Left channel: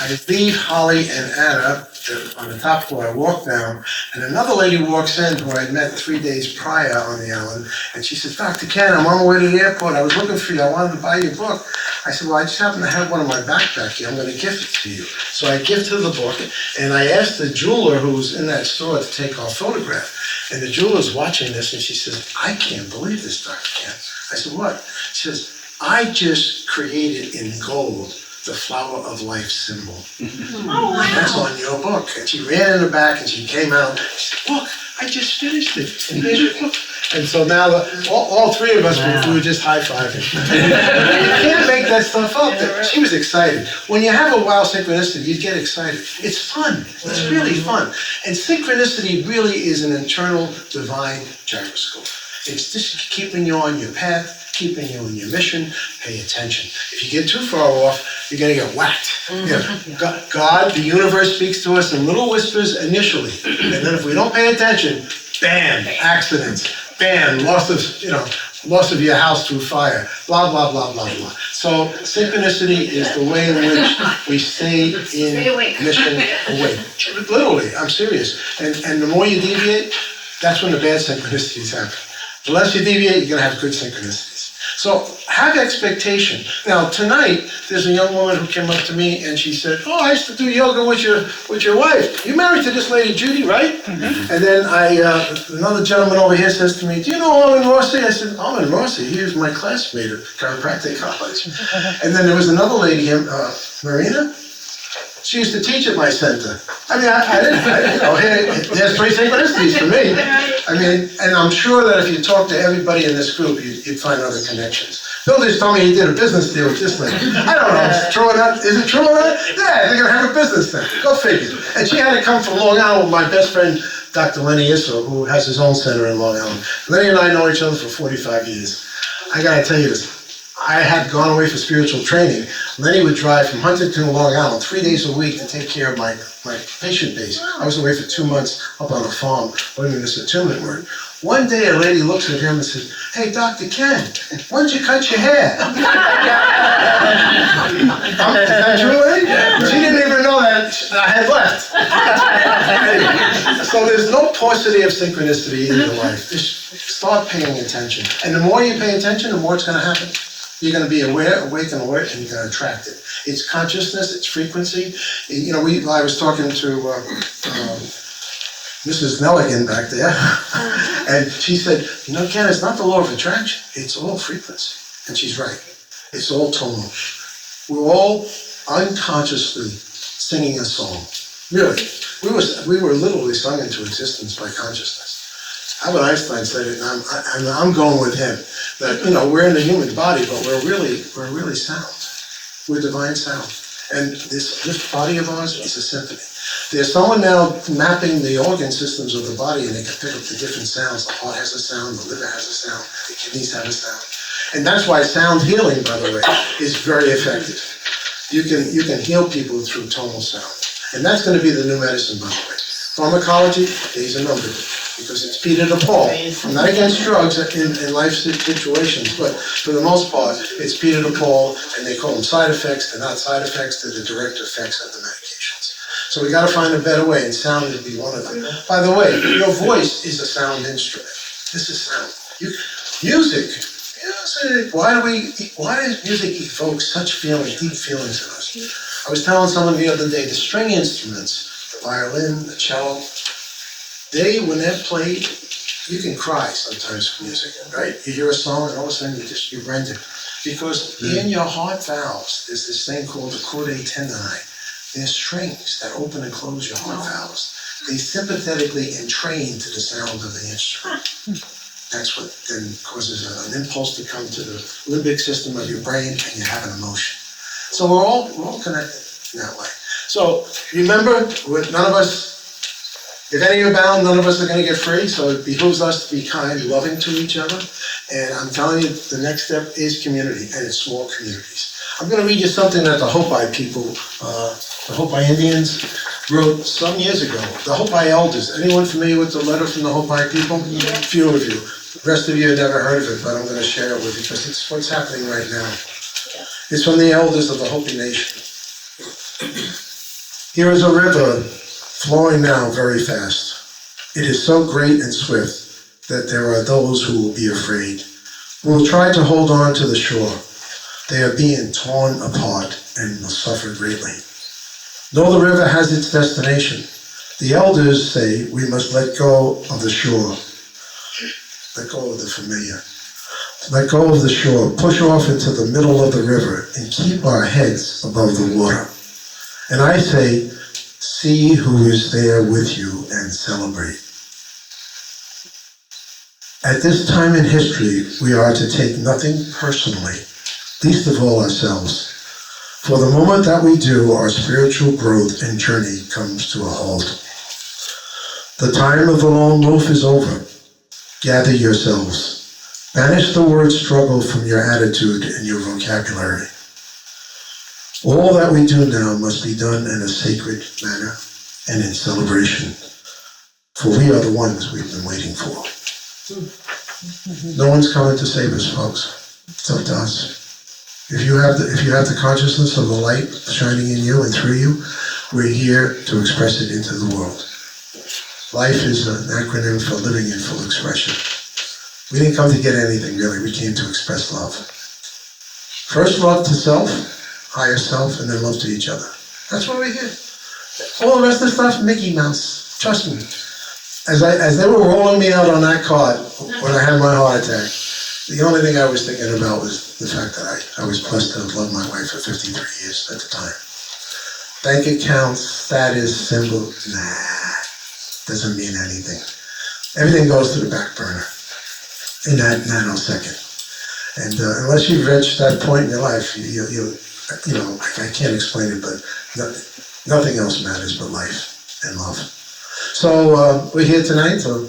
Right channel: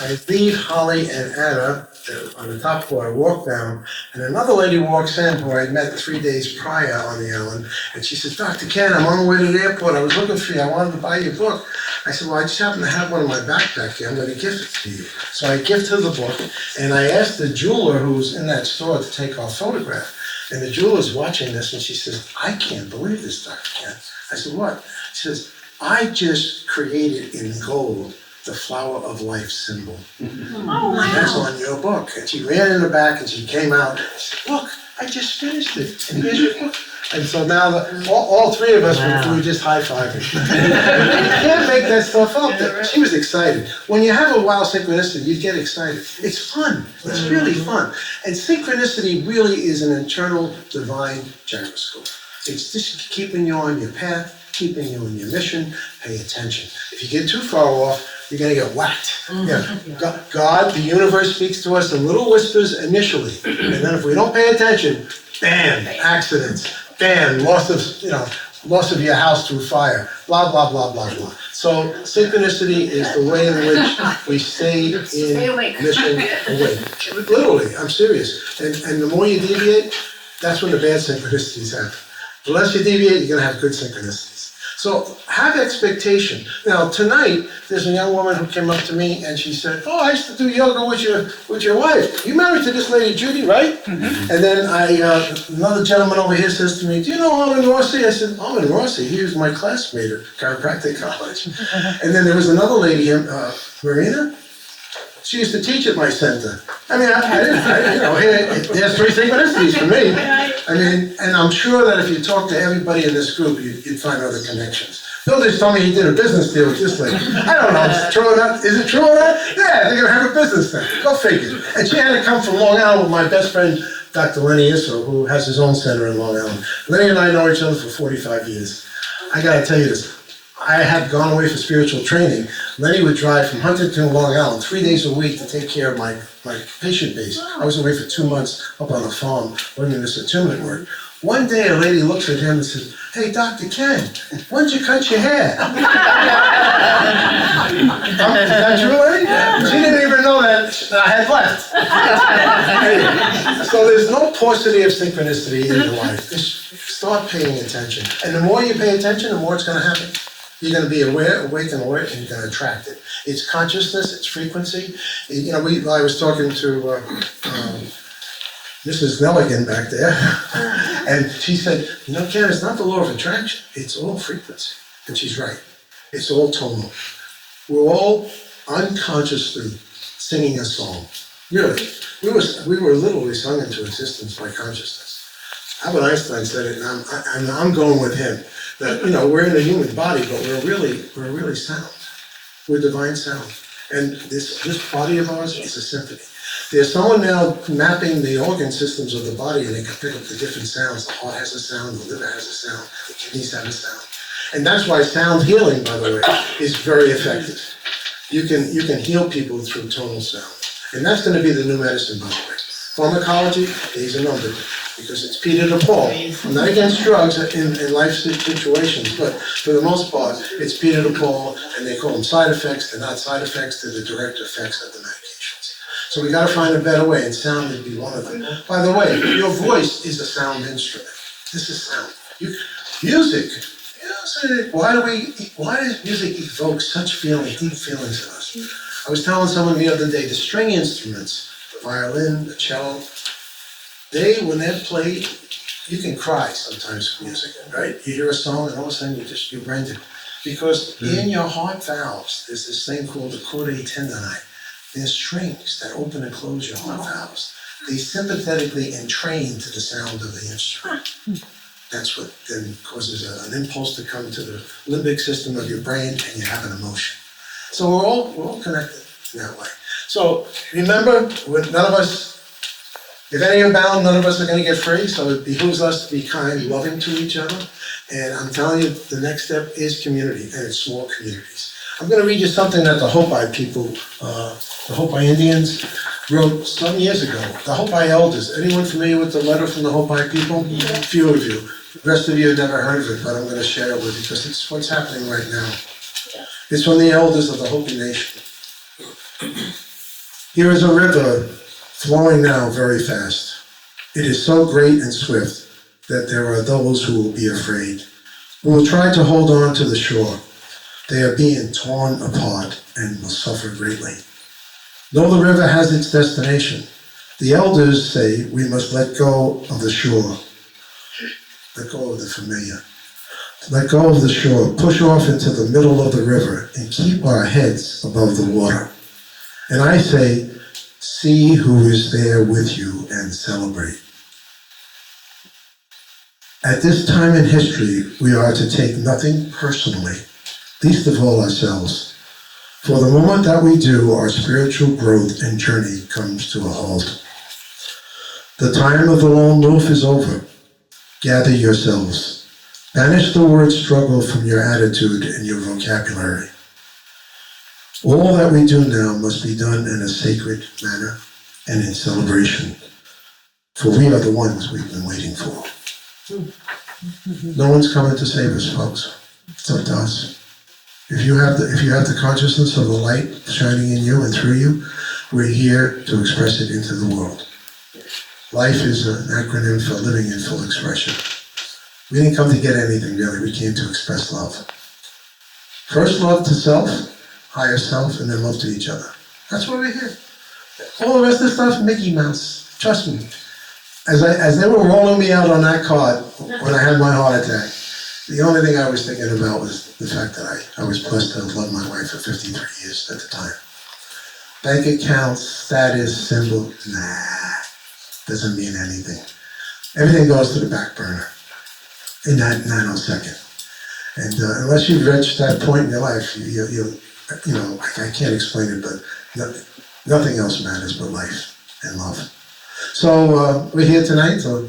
I leave Holly and Anna on the top floor. I walk down, and another lady walks in who I met 3 days prior on the island, and she says, Dr. Ken, I'm on my way to the airport. I was looking for you. I wanted to buy your book. I said, well, I just happen to have one in my backpack here. I'm going to gift it to you. So I gift her the book, and I asked the jeweler who was in that store to take our photograph. And the jeweler's watching this, and she says, I can't believe this, Dr. Ken. I said, what? She says, I just created in gold the flower of life symbol. Oh, wow. That's on your book. And she ran in the back and she came out. She said, look, I just finished it. And here's your book. And so now all three of us, we were just high-fiving. You can't make that stuff up. She was excited. When you have a wild synchronicity, you get excited. It's fun. It's really fun. And synchronicity really is an internal divine gyroscope. It's just keeping you on your path, keeping you on your mission. Pay attention. If you get too far off, you're going to get whacked. God, the universe speaks to us in little whispers initially. And then if we don't pay attention, bam, accidents. Bam, loss of your house through fire, blah, blah, blah, blah, blah. So synchronicity is the way in which we stay in mission awake. Literally, I'm serious. And the more you deviate, that's when the bad synchronicities happen. The less you deviate, you're gonna have good synchronicities. So have expectation. Now tonight, there's a young woman who came up to me and she said, oh, I used to do yoga with your wife. You married to this lady, Judy, right? Mm-hmm. And then another gentleman over here says to me, do you know Alvin Rossi? I said, Alvin Rossi, he was my classmate at chiropractic college. And then there was another lady here, Marina. She used to teach at my center. I mean, I didn't, there's three synchronicities for me. I mean, and I'm sure that if you talk to everybody in this group, you'd find other connections. Bill just told me he did a business deal with this lady. I don't know, is it true or not? Is it true or not? Yeah, they're gonna have a business thing. Go figure. And she had to come from Long Island with my best friend, Dr. Lenny Isso, who has his own center in Long Island. Lenny and I know each other for 45 years. I gotta tell you this. I had gone away for spiritual training. Lenny would drive from Huntington to Long Island 3 days a week to take care of my patient base. I was away for 2 months up on a farm learning this attunement work. One day a lady looks at him and says, hey, Dr. Ken, when did you cut your hair? Is that true, lady? She didn't even know that I had left. Anyway, so there's no paucity of synchronicity in your life. Just start paying attention. And the more you pay attention, the more it's going to happen. You're going to be aware, awake, and alert, and you're going to attract it. It's consciousness, it's frequency. You know, I was talking to Mrs. Nelligan back there, and she said, you know, Ken, it's not the law of attraction, it's all frequency. And she's right. It's all tonal. We're all unconsciously singing a song. Really. We were literally sung into existence by consciousness. Albert Einstein said it, and I'm going with him. That, you know, we're in a human body, but we're really sound. We're divine sound. And this body of ours is a symphony. There's someone now mapping the organ systems of the body, and they can pick up the different sounds. The heart has a sound, the liver has a sound, the kidneys have a sound. And that's why sound healing, by the way, is very effective. You can heal people through tonal sound. And that's going to be the new medicine, by the way. Pharmacology, days are numbered, because it's Peter to Paul. I'm not against drugs in life situations, but for the most part, it's Peter to Paul, and they call them side effects. They're not side effects, they're the direct effects of the medications. So we got to find a better way, and sound would be one of them. By the way, your voice is a sound instrument. This is sound. Music. Why does music evoke such feelings, deep feelings in us? I was telling someone the other day, the string instruments, the violin, the cello, when they're played, you can cry sometimes for music, right? You hear a song and all of a sudden your brain, because in your heart valves, there's this thing called the chordae tendineae. There's strings that open and close your heart valves. They sympathetically entrain to the sound of the instrument. That's what then causes an impulse to come to the limbic system of your brain, and you have an emotion. So we're all connected in that way. So remember, none of us, if any are bound, none of us are going to get free. So it behooves us to be kind, loving to each other. And I'm telling you, the next step is community, and it's small communities. I'm going to read you something that the Hopi people, the Hopi Indians, wrote some years ago. The Hopi elders. Anyone familiar with the letter from the Hopi people? Yeah. A few of you. The rest of you have never heard of it, but I'm going to share it with you because it's what's happening right now. It's from the elders of the Hopi nation. Here is a river flowing now very fast. It is so great and swift that there are those who will be afraid, who will try to hold on to the shore. They are being torn apart and will suffer greatly. Though the river has its destination, the elders say we must let go of the shore, let go of the familiar, let go of the shore, push off into the middle of the river, and keep our heads above the water. And I say, see who is there with you and celebrate. At this time in history, we are to take nothing personally, least of all ourselves. For the moment that we do, our spiritual growth and journey comes to a halt. The time of the lone wolf is over. Gather yourselves. Banish the word struggle from your attitude and your vocabulary. All that we do now must be done in a sacred manner and in celebration, for we are the ones we've been waiting for. No one's coming to save us, folks. It's up to us. If you have the consciousness of the light shining in you and through you, we're here to express it into the world. Life is an acronym for living in full expression. We didn't come to get anything, really. We came to express love. First, love to self, higher self, and then love to each other. That's why we're here. All the rest of the stuff, Mickey Mouse. Trust me. As they were rolling me out on that card when I had my heart attack, the only thing I was thinking about was the fact that I was blessed to have loved my wife for 53 years at the time. Bank accounts, status, symbol, doesn't mean anything. Everything goes to the back burner in that nanosecond. And unless you've reached that point in your life, I can't explain it, but nothing else matters but life and love. So we're here tonight to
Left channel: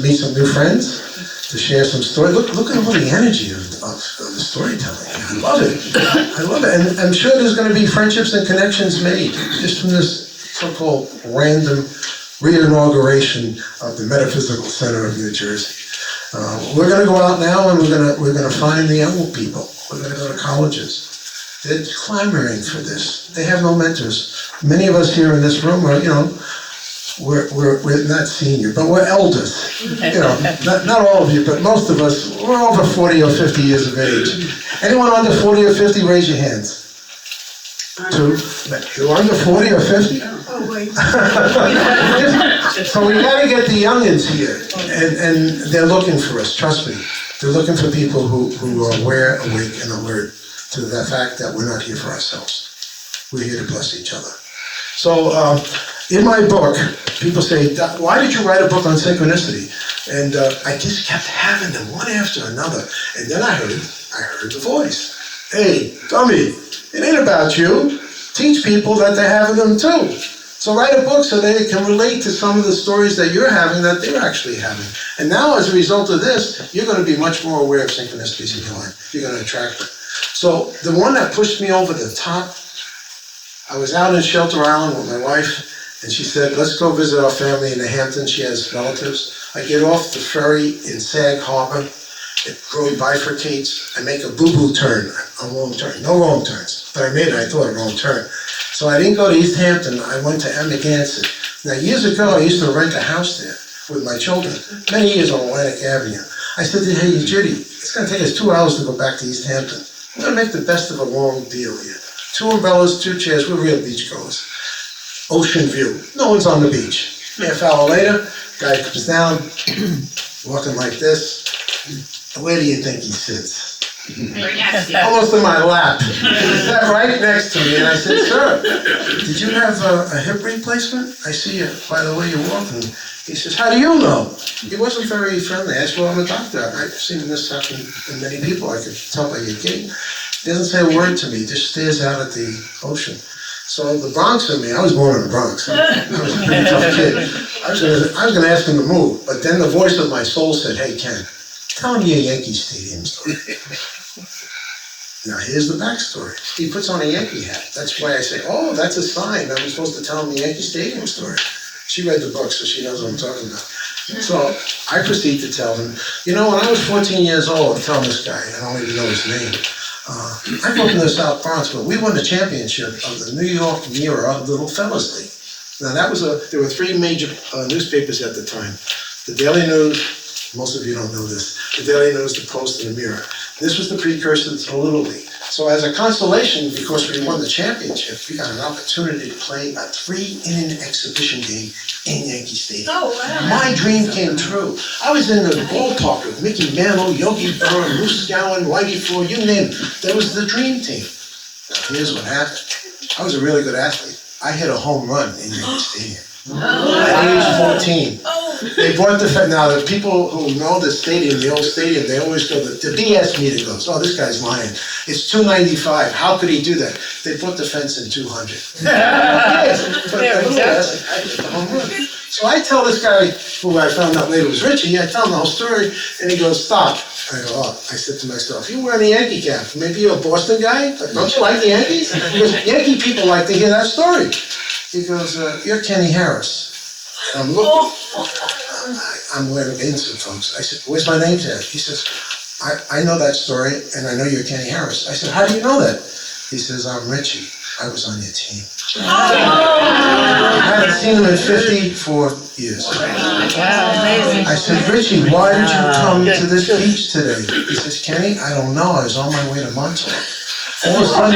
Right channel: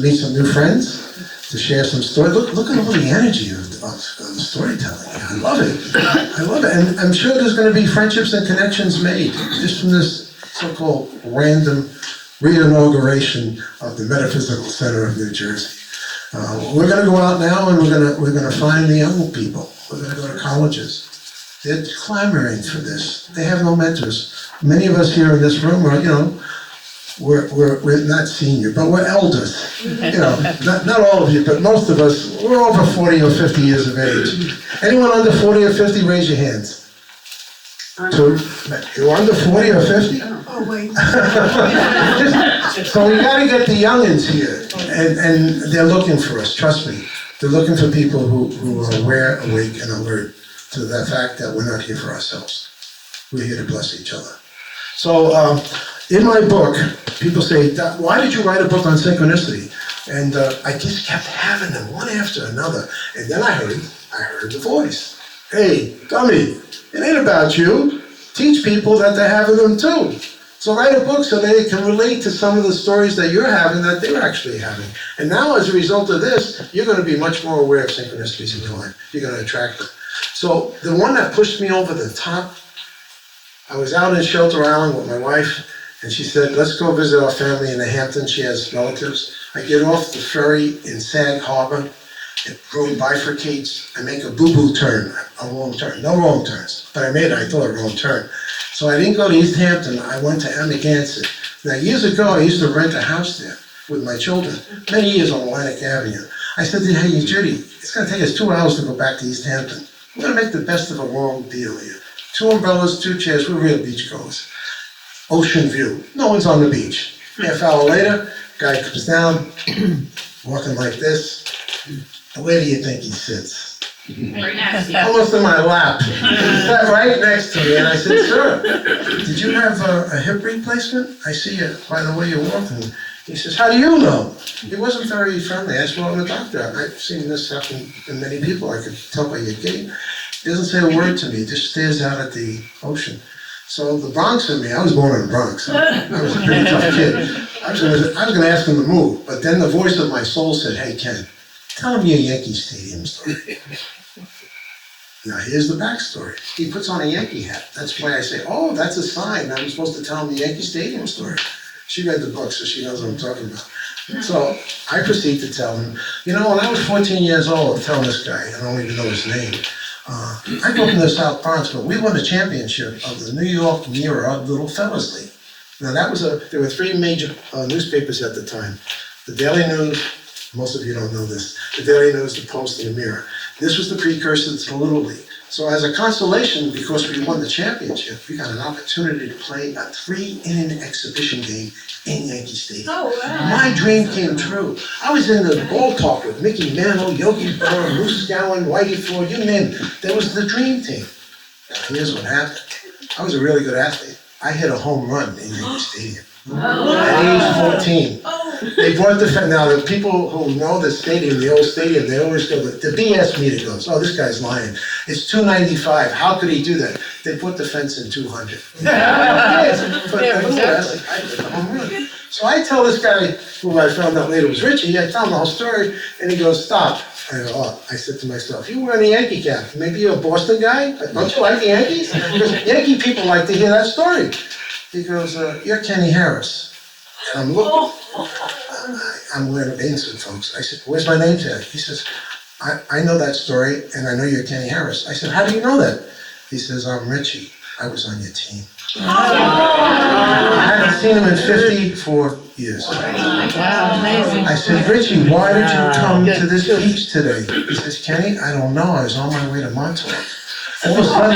meet some new friends, to share some stories. Look at all the energy of the storytelling. I love it. I love it. And I'm sure there's going to be friendships and connections made just from this so-called random re-inauguration of the Metaphysical Center of New Jersey. We're going to go out now and we're going to find the young people. We're going to go to colleges. They're clamoring for this. They have no mentors. Many of us here in this room are, we're not senior, but we're elders. Not all of you, but most of us, we're over 40 or 50 years of age. Anyone under 40 or 50, raise your hands. You're under 40 or 50? Oh, wait. So we got to get the youngins here, and they're looking for us, trust me. They're looking for people who are aware, awake, and alert to the fact that we're not here for ourselves. We're here to bless each other. So in my book, people say, why did you write a book on synchronicity? And I just kept having them one after another. And then I heard the voice. Hey, dummy, it ain't about you. Teach people that they're having them too. So write a book so they can relate to some of the stories that you're having that they're actually having. And now as a result of this, you're going to be much more aware of synchronicities in your life. You're going to attract them. So the one that pushed me over the top, I was out in Shelter Island with my wife, and she said, let's go visit our family in the Hamptons. She has relatives. I get off the ferry in Sag Harbor. It road bifurcates. I make a boo-boo turn, a wrong turn. No wrong turns, but I made it. I thought a wrong turn. So I didn't go to East Hampton. I went to Amagansett. Now, years ago, I used to rent a house there with my children, many years on Atlantic Avenue. I said to her, hey, Judy, it's going to take us 2 hours to go back to East Hampton. We're going to make the best of a long deal here. 2 umbrellas, 2 chairs, we're real beachgoers. Ocean view. No one's on the beach. Half hour later, guy comes down, walking like this. Where do you think he sits? Almost in my lap. He sat right next to me, and I said, sir, did you have a hip replacement? I see you by the way you walk. And he says, how do you know? He wasn't very friendly. I said, well, I'm a doctor. I've seen this happen in many people. I could tell by your gait. He doesn't say a word to me, just stares out at the ocean. So the Bronx in me, I was born in the Bronx. So I was a pretty tough kid. I was going to ask him to move, but then the voice of my soul said, hey, Ken, tell him your Yankee Stadium story. Now, here's the backstory. He puts on a Yankee hat. That's why I say, oh, that's a sign. I'm supposed to tell him the Yankee Stadium story. She read the book, so she knows what I'm talking about. So I proceed to tell him, when I was 14 years old, I'm telling this guy, I don't even know his name, I grew up in the South Bronx, but we won the championship of the New York Mirror Little Fellas League. Now there were three major newspapers at the time. The Daily News, most of you don't know this, the Daily News, the Post, and the Mirror. This was the precursor to the Little League. So as a consolation, because we won the championship, we got an opportunity to play a 3-inning exhibition game in Yankee Stadium. Oh, wow. My dream came true. I was in the ballpark with Mickey Mantle, Yogi Berra, Moose Gowan, Whitey Ford, you name it. That was the dream team. Now here's what happened. I was a really good athlete. I hit a home run in Yankee Stadium. At age 14. They brought now the people who know the stadium, the old stadium, they always go, the BS meter goes, oh, this guy's lying. It's 295. How could he do that? They put the fence in 200. But nevertheless, I hit the home run. So I tell this guy, who I found out later was Richie, I tell him the whole story, and he goes, stop. I go, oh, I said to myself, you're wearing a Yankee cap. Maybe you're a Boston guy? Don't you like the Yankees? Because Yankee people like to hear that story. He goes, you're Kenny Harris. I'm looking. I'm wearing an insert, folks. I said, where's my name tag? He says, I know that story, and I know you're Kenny Harris. I said, how do you know that? He says, I'm Richie. I was on your team. I hadn't seen him in 54 years. I said, Richie, why did you come to this beach today? He says, Kenny, I don't know. I was on my way to Montauk. All of a sudden,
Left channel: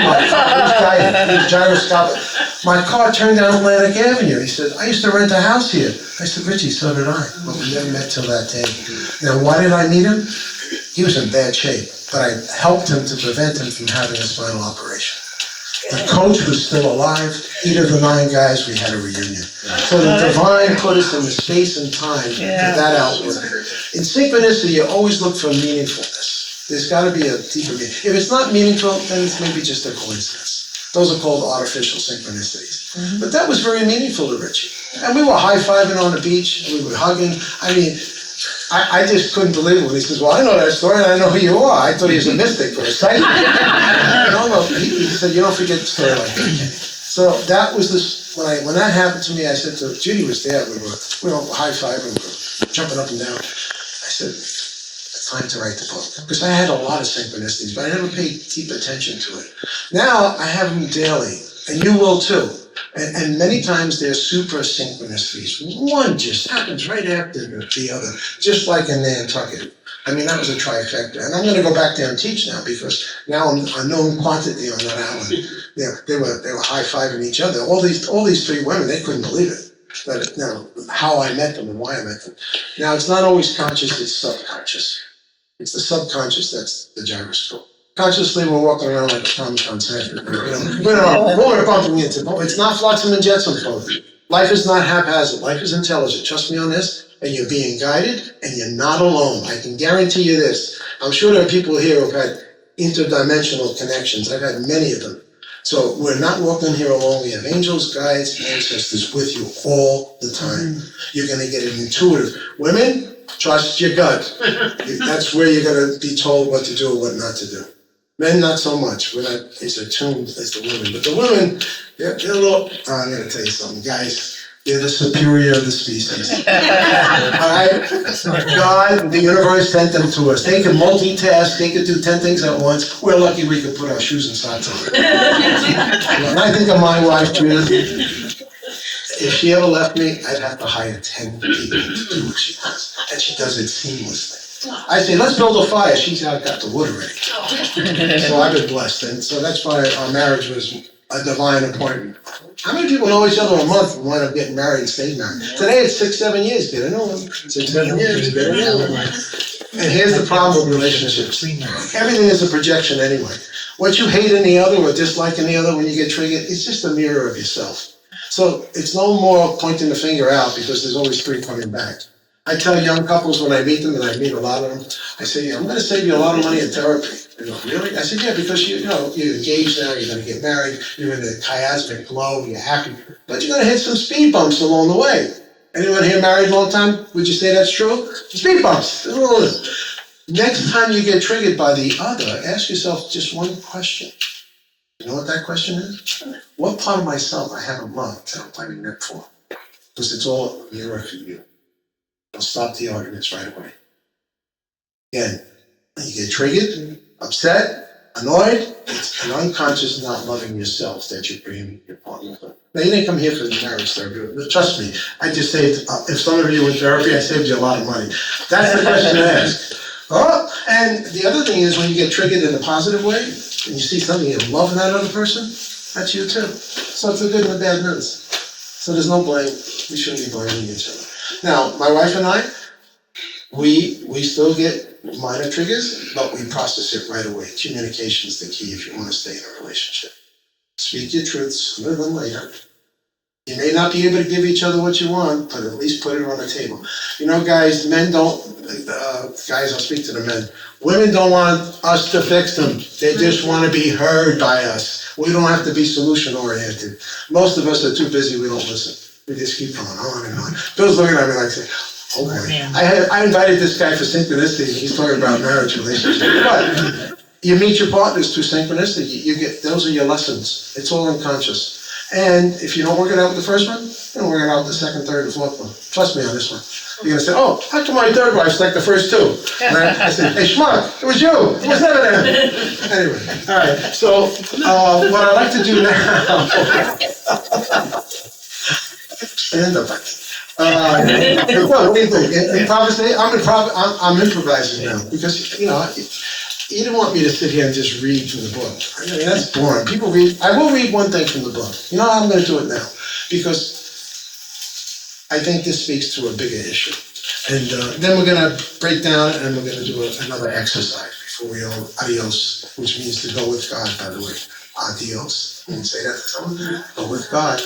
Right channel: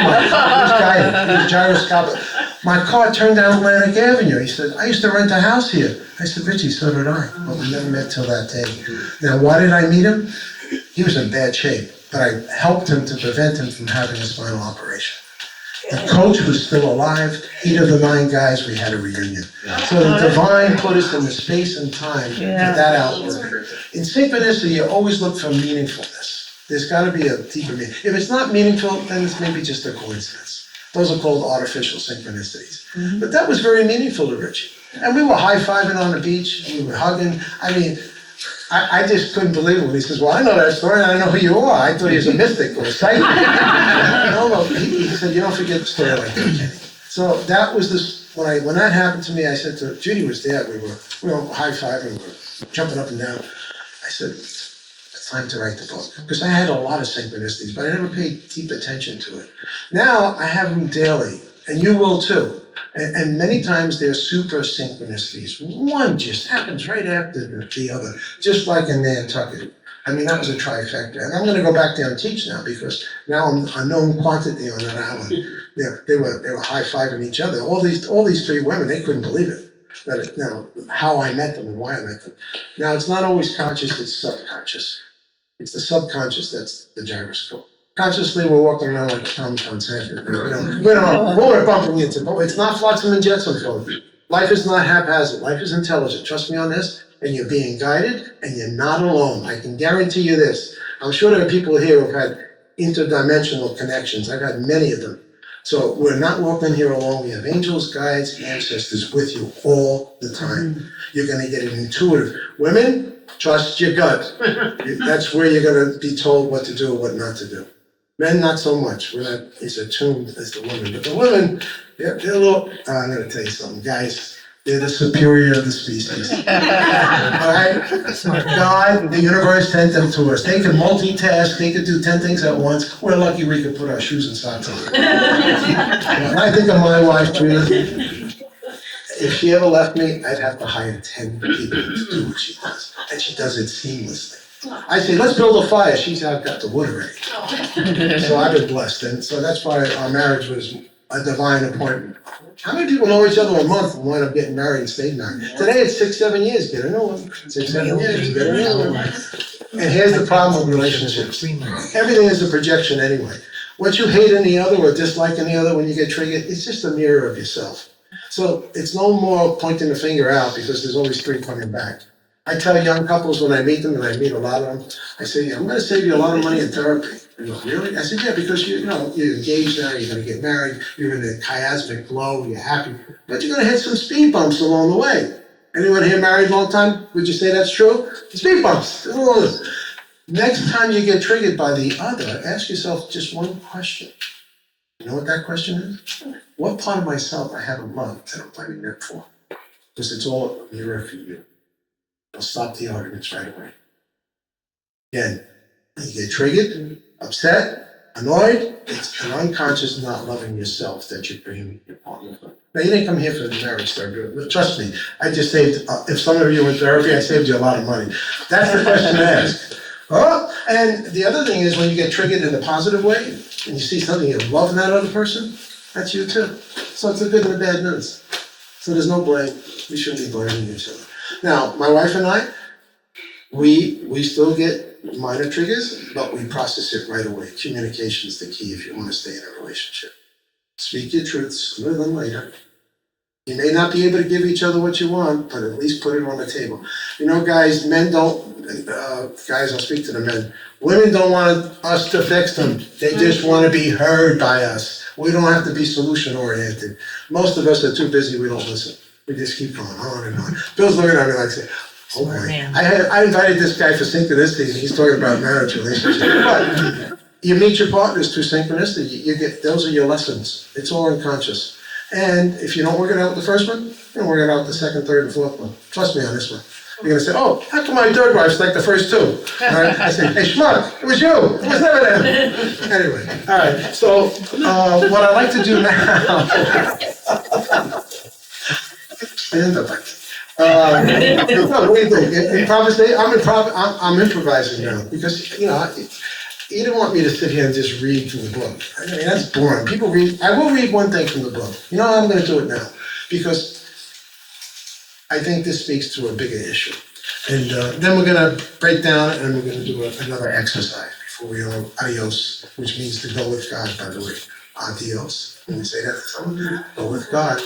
he was gyroscopic. My car turned down Atlantic Avenue. He said, I used to rent a house here. I said, Richie, so did I. But we never met till that day. Now, why did I meet him? He was in bad shape, but I helped him to prevent him from having a spinal operation. The coach was still alive. 8 of the 9 guys, we had a reunion. So the divine put us in the space and time for that outlook. In synchronicity, you always look for meaningfulness. There's got to be a deeper meaning. If it's not meaningful, then it's maybe just a coincidence. Those are called artificial synchronicities. But that was very meaningful to Richie. And we were high-fiving on the beach. We were hugging. I mean, I just couldn't believe it when he says, well, I know that story, and I know who you are. I thought he was a mystic for a second. No, he said, you don't forget a story like that, Kenny. So that was this, when that happened to me, I said to, Judy was there, we were high-fiving, we were jumping up and down. I said, it's time to write the book. Because I had a lot of synchronicities, but I never paid deep attention to it. Now I have them daily, and you will too. And many times they're super synchronicities. One just happens right after the other, just like in Nantucket. I mean, that was a trifecta. And I'm going to go back there and teach now because now I'm a known quantity on that island. They were high-fiving each other. All these 3 women, they couldn't believe it. How I met them and why I met them. Now, it's not always conscious, it's subconscious. It's the subconscious that's the gyroscope. Consciously, we're walking around like Tom said. We're bumping into. It's not flotsam and jetsam, folks. Life is not haphazard. Life is intelligent. Trust me on this. And you're being guided, and you're not alone. I can guarantee you this. I'm sure there are people here who've had interdimensional connections. I've had many of them. So we're not walking here alone. We have angels, guides, ancestors with you all the time. You're going to get it intuitive. Women, trust your gut. That's where you're going to be told what to do and what not to do. Men, not so much. We're not as attuned as the women. But the women, they're a little, I'm going to tell you something, guys. They're the superior of the species. All right? God, the universe sent them to us. They can multitask. They can do 10 things at once. We're lucky we could put our shoes and socks on. When I think of my wife, Judith, if she ever left me, I'd have to hire 10 people to do what she does. And she does it seamlessly. I say, let's build a fire. She's out, got the wood already. So I've been blessed. And so that's why our marriage was a divine appointment. How many people know each other a month and wind up getting married and stayed married? Today it's 6-7 years, get a new one. 6-7 years, get a new one. And here's the problem with relationships. Everything is a projection anyway. What you hate in the other or dislike in the other when you get triggered, it's just a mirror of yourself. So it's no more pointing the finger out because there's always 3 coming back. I tell young couples when I meet them, and I meet a lot of them, I say, I'm going to save you a lot of money in therapy. They go, really? I said, yeah, because you're engaged now, you're going to get married, you're in a chiasmic flow, you're happy, but you're going to hit some speed bumps along the way. Anyone here married a long time? Would you say that's true? Speed bumps. Next time you get triggered by the other, ask yourself just one question. You know what that question is? What part of myself I haven't loved that I'm fighting that for? Because it's all a mirror for you. I'll stop the arguments right away. Again, you get triggered, upset, Annoyed, it's an unconscious not loving yourself that you're bringing your partner. Now, you didn't come here for the marriage therapy, but trust me, I just saved, if some of you were in therapy, I saved you a lot of money. That's the question to ask. Oh, and the other thing is when you get triggered in a positive way, and you see something you love in that other person, that's you too. So it's the good and the bad news. So there's no blame. We shouldn't be blaming each other. Now, my wife and I, we still get minor triggers, but we process it right away. Communication is the key if you want to stay in a relationship. Speak your truths sooner than later. You may not be able to give each other what you want, but at least put it on the table. You know, guys, men don't, guys, I'll speak to the men. Women don't want us to fix them. They just want to be heard by us. We don't have to be solution oriented. Most of us are too busy, we don't listen. We just keep going on and on. Bill's looking at me like, oh boy. I invited this guy for synchronicity, and he's talking about marriage relationship. But you meet your partners through synchronicity. You get, those are your lessons. It's all unconscious. And if you don't work it out with the first one, you'll work it out with the second, third, and fourth one. Trust me on this one. You're gonna say, oh, how come my third wife's like the first two? And I said, hey, schmuck, it was you. It was never them. Anyway, all right. So what I'd like to do now. Stand up. What do you think? Improvisation? I'm improvising now because you know. You don't want me to sit here and just read from the book. I mean, that's boring. People read. I will read one thing from the book. You know, I'm going to do it now because I think this speaks to a bigger issue. And then we're going to break down and we're going to do another exercise before we all adios, which means to go with God, by the way. Adios. When you say that to someone, go with God.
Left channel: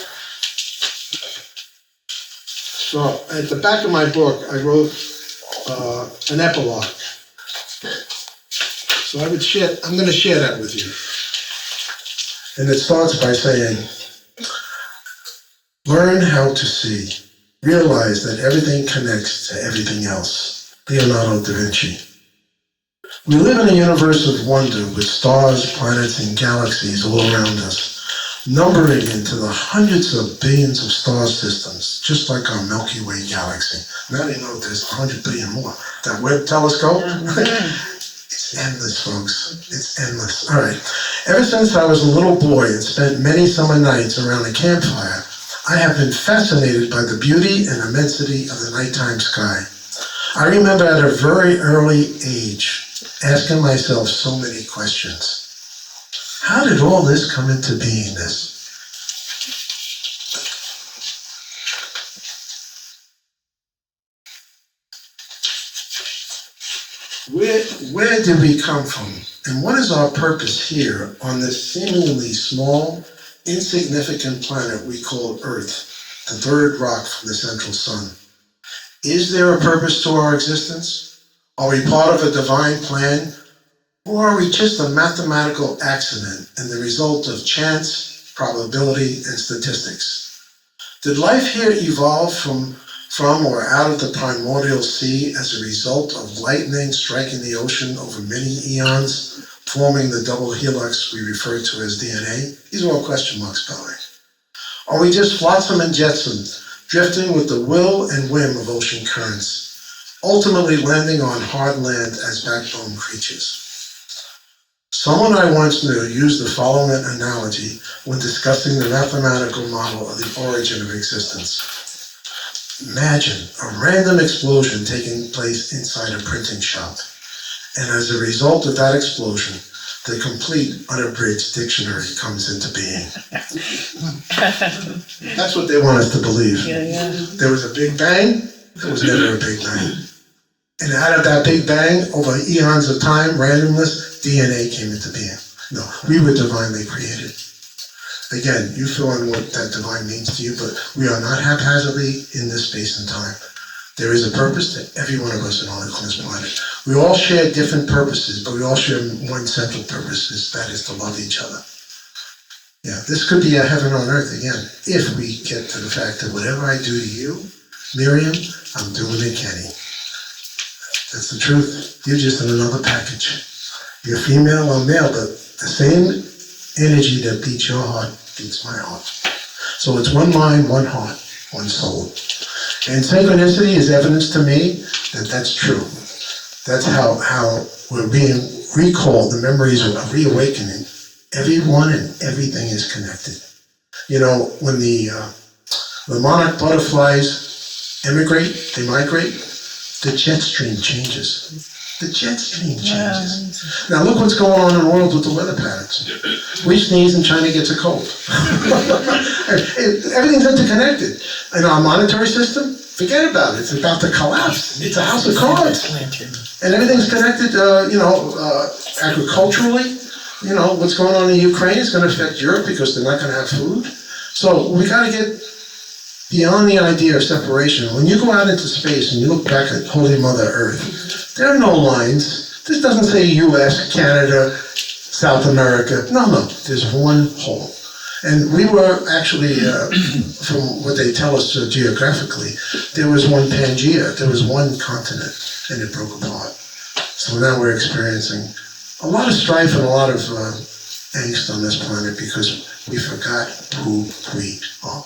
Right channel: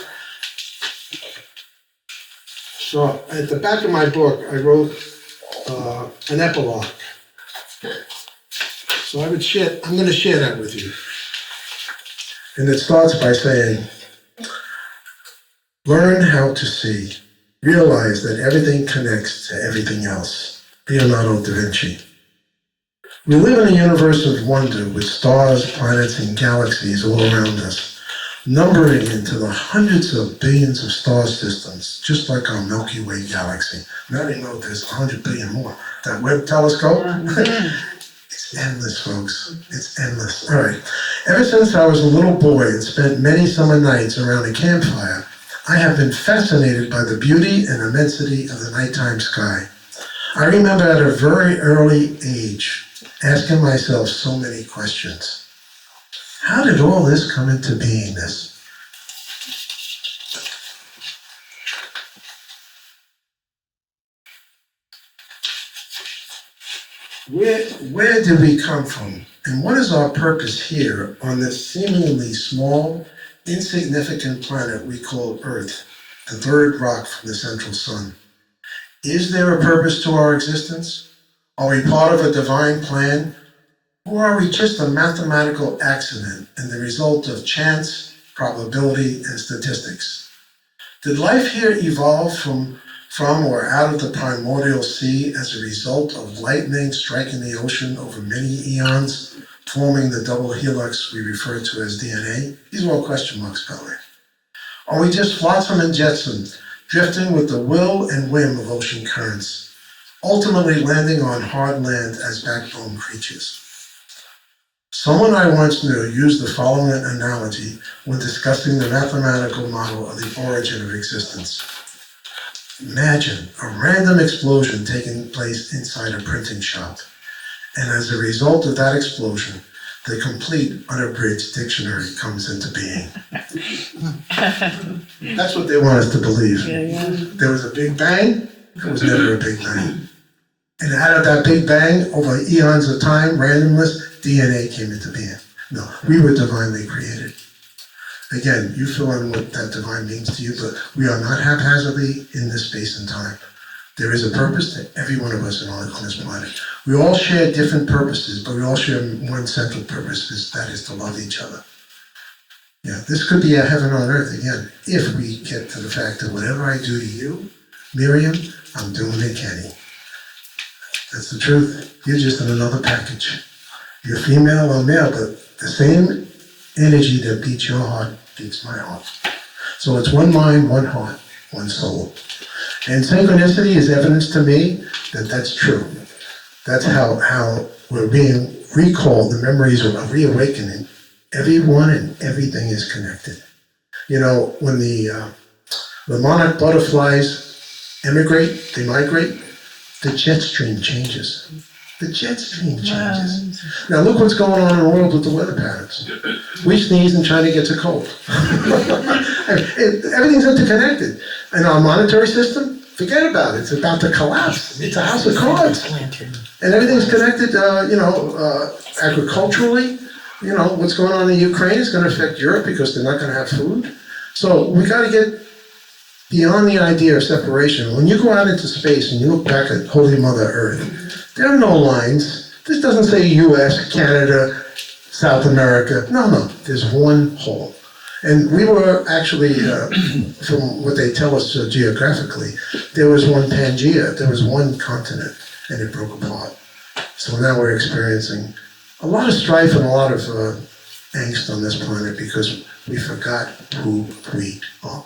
So at the back of my book, I wrote an epilogue. So I'm going to share that with you. And it starts by saying, learn how to see. Realize that everything connects to everything else. Leonardo da Vinci. We live in a universe of wonder with stars, planets, and galaxies all around us, numbering into the hundreds of billions of star systems, just like our Milky Way galaxy. Now you know there's 100 billion more. That Webb telescope? It's endless, folks. It's endless. All right. Ever since I was a little boy and spent many summer nights around a campfire, I have been fascinated by the beauty and immensity of the nighttime sky. I remember at a very early age asking myself so many questions. How did all this come into beingness? Where did we come from? And what is our purpose here on this seemingly small, insignificant planet we call Earth, the third rock from the central sun? Is there a purpose to our existence? Are we part of a divine plan? Or are we just a mathematical accident and the result of chance, probability, and statistics? Did life here evolve from or out of the primordial sea as a result of lightning striking the ocean over many eons, forming the double helix we refer to as DNA? These are all question marks, by the way. Are we just flotsam and jetsam, drifting with the will and whim of ocean currents, ultimately landing on hard land as backbone creatures? Someone I once knew used the following analogy when discussing the mathematical model of the origin of existence. Imagine a random explosion taking place inside a printing shop, and as a result of that explosion, the complete unabridged dictionary comes into being. That's what they want us to believe. Yeah. There was a big bang, there was never a big bang. And out of that big bang, over eons of time, randomness, DNA came into being. No, we were divinely created. Again, you fill in what that divine means to you, but we are not haphazardly in this space and time. There is a purpose to every one of us on this planet. We all share different purposes, but we all share one central purpose, that is to love each other. Yeah, this could be a heaven on earth again, if we get to the fact that whatever I do to you, Miriam, I'm doing to Kenny. That's the truth. You're just in another package. You're female or male, but the same energy that beats your heart beats my heart. So it's one mind, one heart, one soul. And synchronicity is evidence to me that that's true. That's how we're being recalled. The memories are reawakening. Everyone and everything is connected. You know, when the monarch butterflies emigrate, they migrate, the jet stream changes. The jet stream changes. Now look what's going on in the world with the weather patterns. We sneeze and China gets a cold. Everything's interconnected. And our monetary system, forget about it. It's about to collapse. It's a house of cards. And everything's connected, agriculturally. You know, what's going on in Ukraine is going to affect Europe because they're not going to have food. So we got to get beyond the idea of separation. When you go out into space and you look back at Holy Mother Earth, there are no lines. This doesn't say US, Canada, South America. No. There's one whole. And we were actually, from what they tell us geographically, there was one Pangea, there was one continent, and it broke apart. So now we're experiencing a lot of strife and a lot of angst on this planet because we forgot who we are.